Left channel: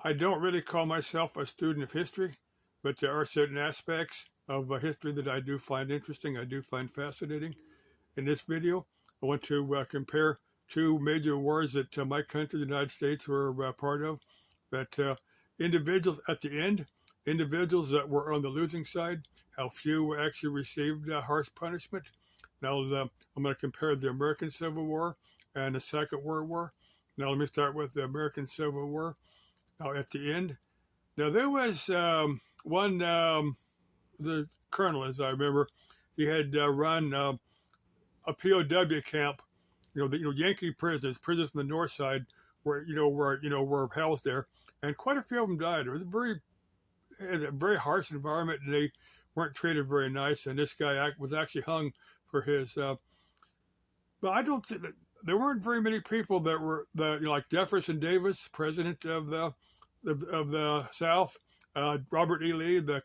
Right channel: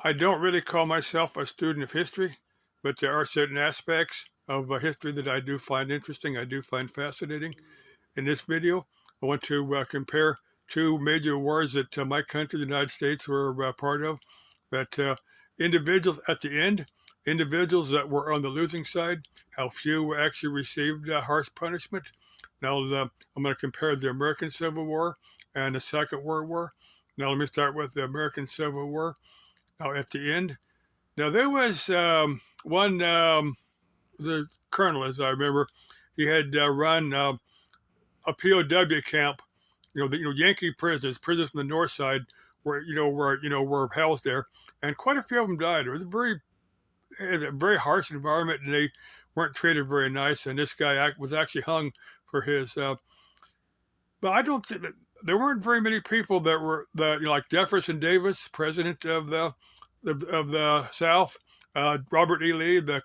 I don't really call myself a student of history, but there are certain aspects of history that I do find interesting. I do find fascinating. In this video, I want to compare two major wars that my country, the United States, were part of. That individuals at the end, individuals that were on the losing side, how few actually received harsh punishment. Now, I'm going to compare the American Civil War and the Second World War. Now, let me start with the American Civil War. Now, at the end, now there was one, the colonel, as I remember, he had run a POW camp. Yankee prisoners, prisoners from the north side, were housed there, and quite a few of them died. It was a very harsh environment, and they weren't treated very nice. And this guy was actually hung for his. But I don't think that there weren't very many people that were like Jefferson Davis, president of the South, Robert E. Lee, the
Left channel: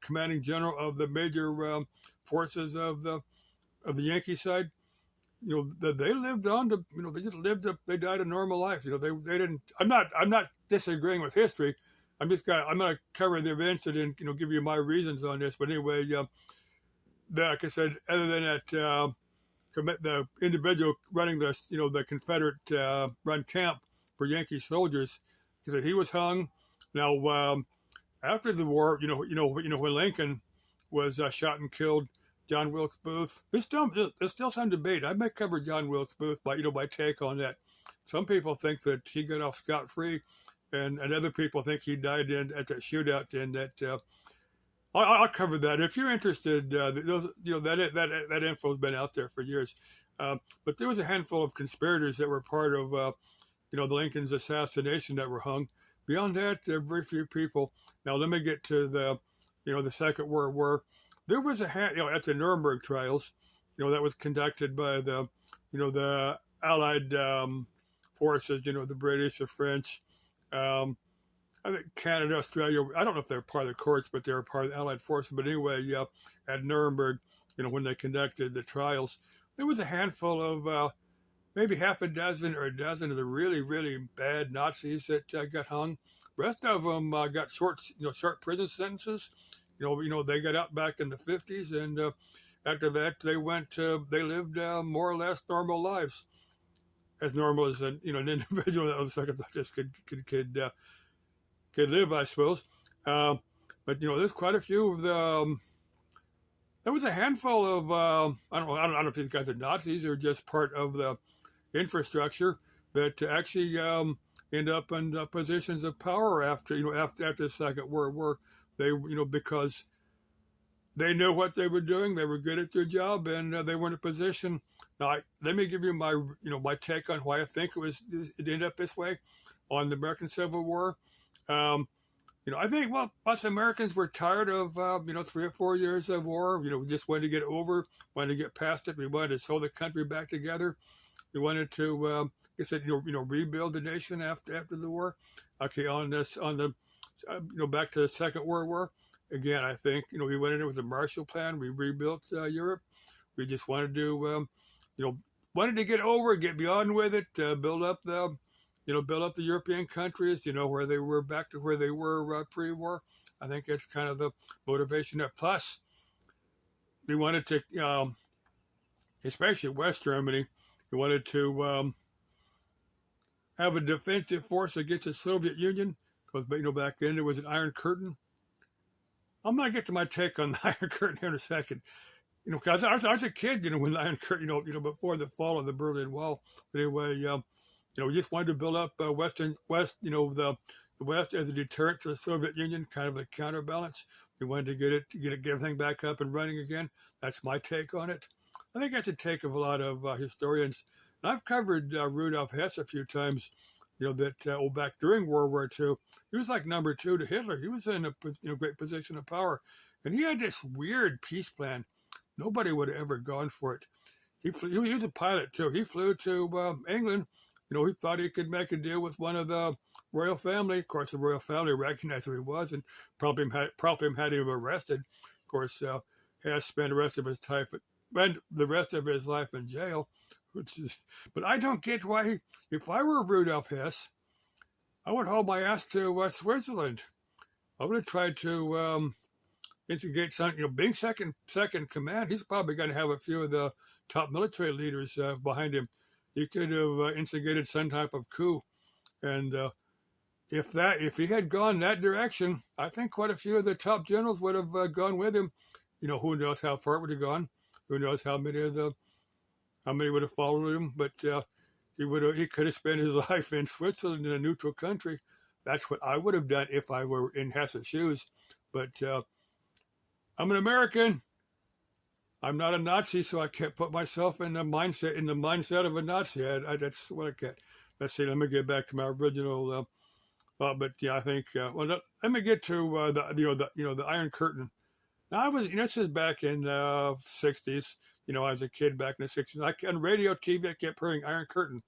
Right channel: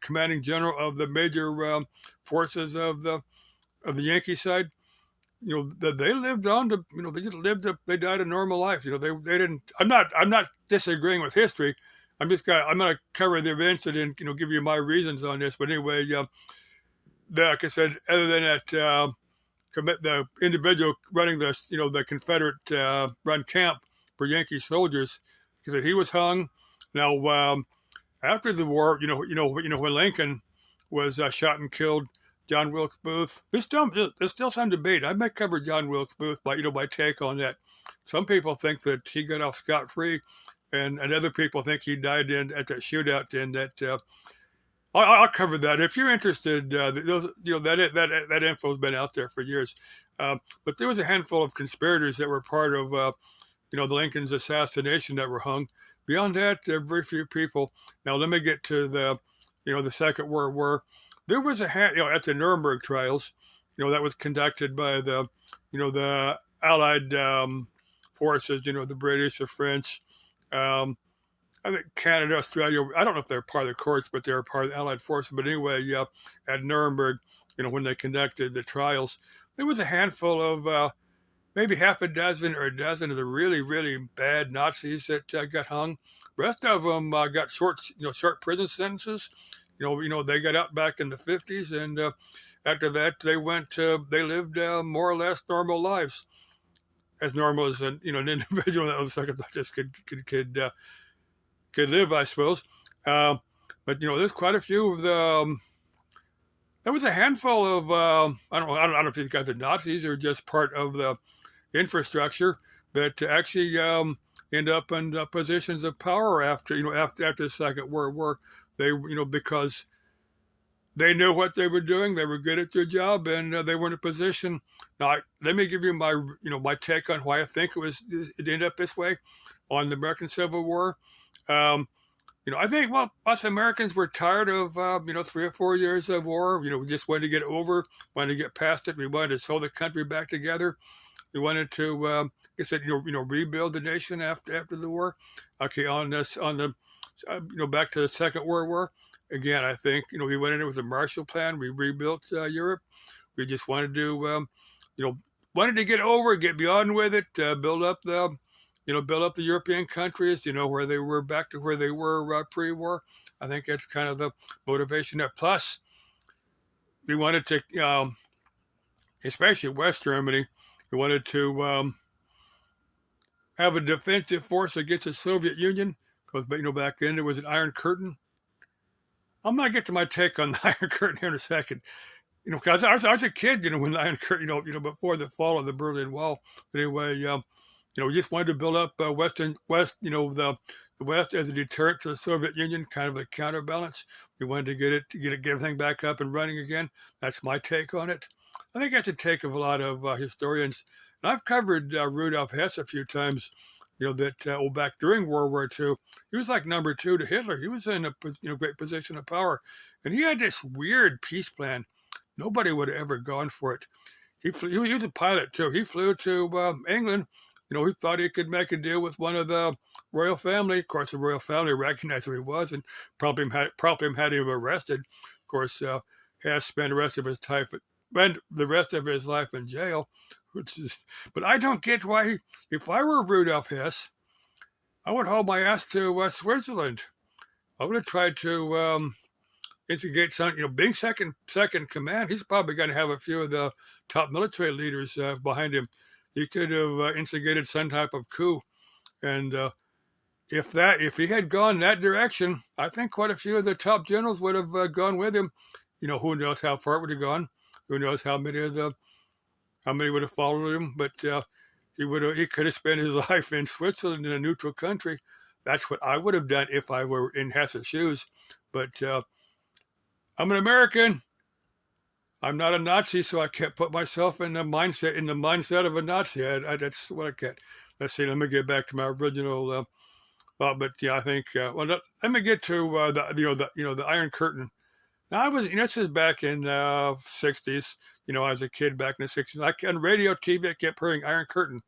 commanding general of the major forces of the Yankee side. They lived on to, they just lived up, they died a normal life. They didn't. I'm not disagreeing with history. I'm gonna cover the events and then give you my reasons on this. But anyway, like I said, other than that, the individual running the Confederate run camp for Yankee soldiers, because he was hung. Now, after the war, when Lincoln was shot and killed, John Wilkes Booth. There's still some debate. I might cover John Wilkes Booth, my take on that. Some people think that he got off scot free, and other people think he died at that shootout. And that I'll cover that if you're interested. That info has been out there for years. But there was a handful of conspirators that were part of the Lincoln's assassination that were hung. Beyond that, there are very few people. Now let me get to the Second World War. There was at the Nuremberg trials, that was conducted by the Allied forces, the British, the French, I think Canada, Australia. I don't know if they're part of the courts, but they're part of the Allied forces. But anyway, at Nuremberg, when they conducted the trials, there was a handful of maybe half a dozen or a dozen of the really, really bad Nazis that got hung. The rest of them got short prison sentences. They got out back in the 50s, and after that, they lived more or less normal lives, as normal as an individual that was like just could live, I suppose. But there's quite a few of the. There was a handful of I don't know if these guys are Nazis or just part of the infrastructure that actually end up in positions of power after the Second World War. They because they knew what they were doing, they were good at their job, and they were in a position. Now, let me give you my take on why I think it ended up this way on the American Civil War. I think us Americans were tired of 3 or 4 years of war. We just wanted to get over, wanted to get past it. We wanted to sew the country back together. We wanted to, rebuild the nation after the war. Okay, back to the Second World War. Again, I think we went in it with a Marshall Plan. We rebuilt Europe. We just wanted to, wanted to get over, get beyond with it, build up the European countries, where they were back to where they were pre-war. I think that's kind of the motivation there. Plus, we wanted to, especially West Germany, we wanted to have a defensive force against the Soviet Union because back then there was an Iron Curtain. I'm gonna get to my take on the Iron Curtain here in a second. Because I was a kid, when the Iron Curtain, before the fall of the Berlin Wall. But anyway, we just wanted to build up the West, the West as a deterrent to the Soviet Union, kind of a counterbalance. We wanted to get everything back up and running again. That's my take on it. I think that's a take of a lot of historians. And I've covered Rudolf Hess a few times. Back during World War II, he was like number two to Hitler. He was in a great position of power, and he had this weird peace plan. Nobody would have ever gone for it. He was a pilot too. He flew to England. He thought he could make a deal with one of the royal family. Of course, the royal family recognized who he was and probably had him arrested. Of course, Hess spent the rest of his life in jail. But I don't get why. If I were Rudolf Hess, I would haul my ass to Switzerland. I would have tried to instigate some, being second command. He's probably going to have a few of the top military leaders behind him. He could have instigated some type of coup, and if he had gone that direction, I think quite a few of the top generals would have gone with him. Who knows how far it would have gone? Who knows how many would have followed him? But he could have spent his life in Switzerland in a neutral country. That's what I would have done if I were in Hess's shoes. But I'm an American. I'm not a Nazi, so I can't put myself in the mindset of a Nazi. That's what I can't. Let's see. Let me get back to my original. But yeah, I think. Let me get to the Iron Curtain. Now this is back in '60s. As a kid back in the '60s, on radio, TV, I kept hearing Iron Curtain,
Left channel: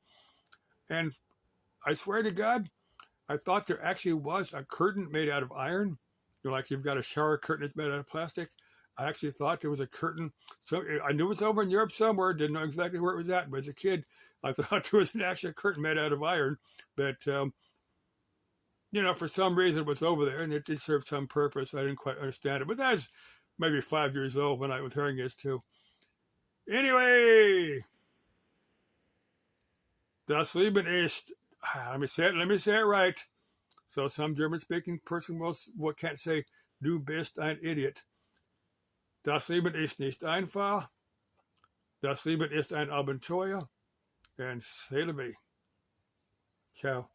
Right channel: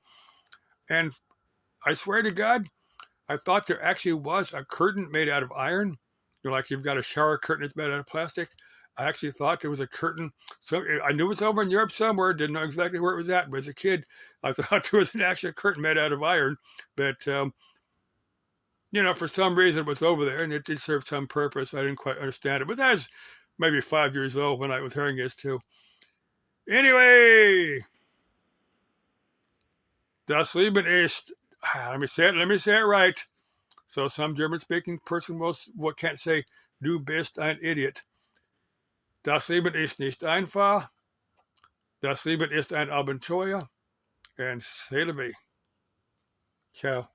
and I swear to God, I thought there actually was a curtain made out of iron. Like you've got a shower curtain that's made out of plastic. I actually thought there was a curtain. So I knew it was over in Europe somewhere. Didn't know exactly where it was at. But as a kid, I thought there was an actual curtain made out of iron. But for some reason it was over there, and it did serve some purpose. I didn't quite understand it. But I was maybe 5 years old when I was hearing this too. Anyway, das Leben ist. Let me say it right. So some German-speaking person can't say du bist ein Idiot. Das Leben ist nicht einfach. Das Leben ist ein Abenteuer. And say to me, ciao.